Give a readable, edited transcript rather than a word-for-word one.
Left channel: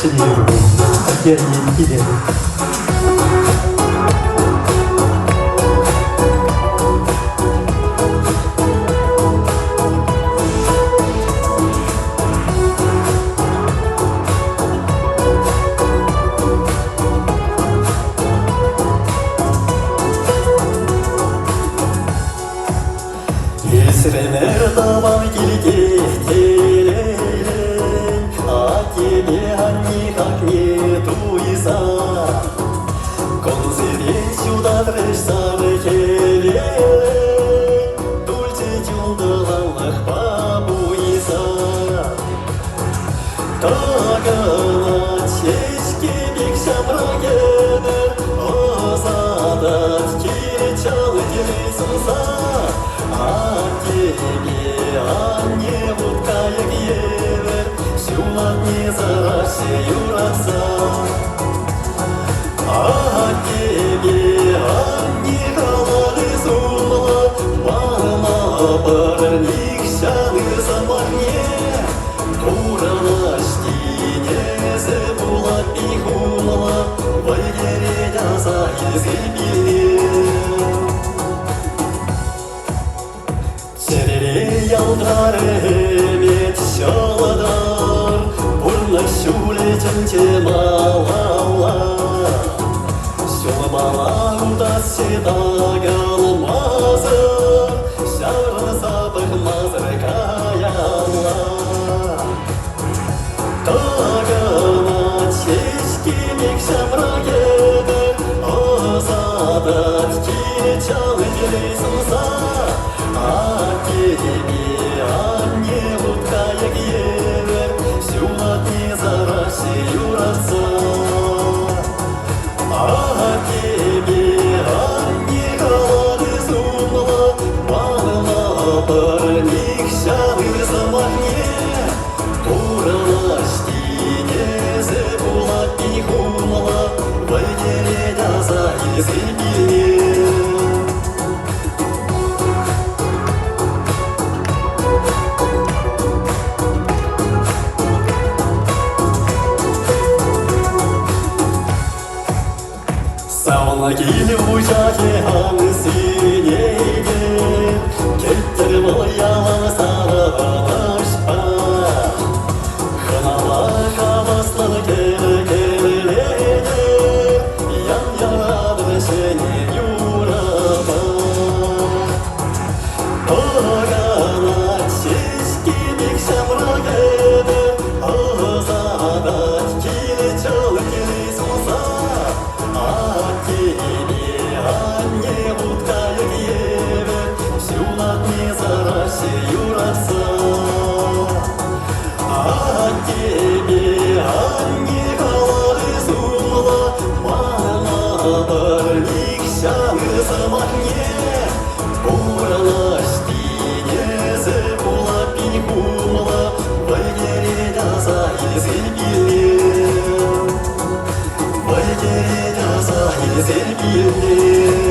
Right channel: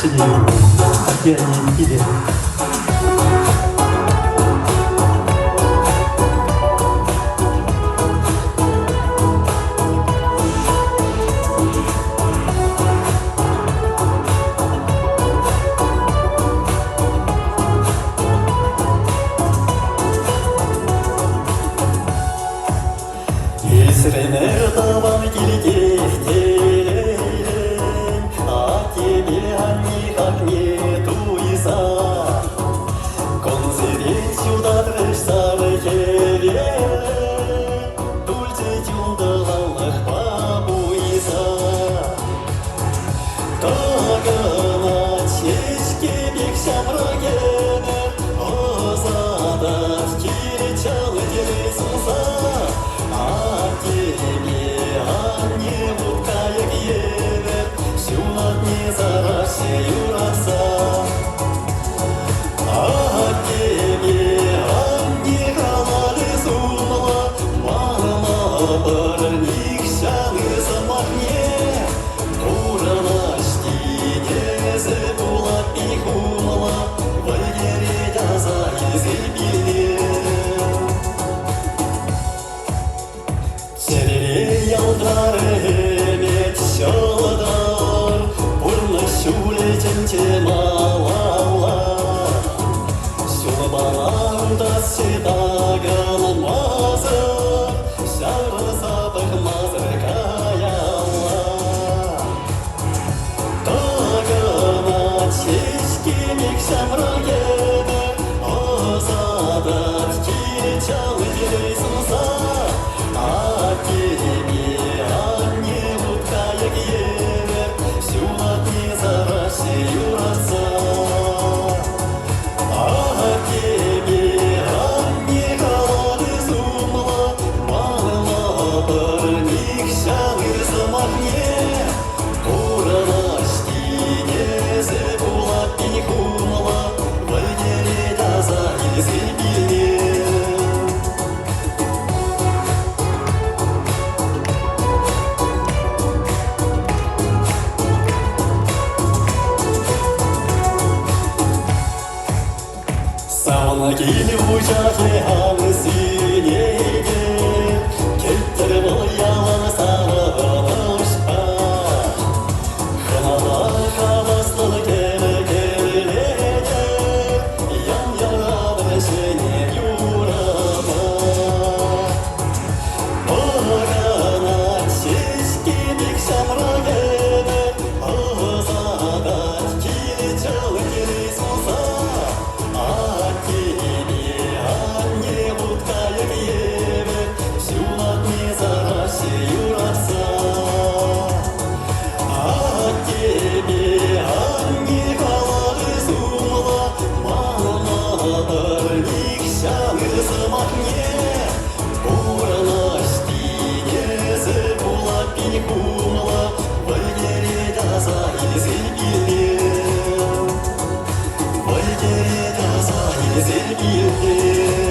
синюю океане или Сиренер даван килетелен, а тебе никак нету иза. Конференцию трешься келен, дульте тюлдалах бабуиза. Тагана чешки бекшам рагенер, озадат киречал делесуза. А тебе, а не будка як евер, сюлат не зарашею раца. А тебе, а не халалы зумла, мама парник шалы замахне. Куранашки не забула пихумала, вальгередя за изыбили. Ялдарымет шаладар, Пурна шулетен темалала. Шулбала удасы тагалмазы, Шары запах мазыр каяла. Тагана чешки мекшам рагены, Озадат киречал делесуза. А тебе, а не будка як евер, сюлат не зарашею раца. А тебе, а не халады зумла, мама парник шалы замахне. Куранашки не забула пихумала, вальгередя за изыбили. Саулагили ужаке анысынеге, Кеттір боялан саралашпа. Ханала хаваслы кер-керлеге, Ян-ярабы шене юраба. Огана чешки бекшам рагены, Озадат килечал делесуза. А тебе, а не будка як евер, сюлат не зарашею раца. А тебе, а не халады зумла, мама парник шалы замахне. Куранашки не забула пихумала, вальгередя за изыбили. Вальгередя за изыбили.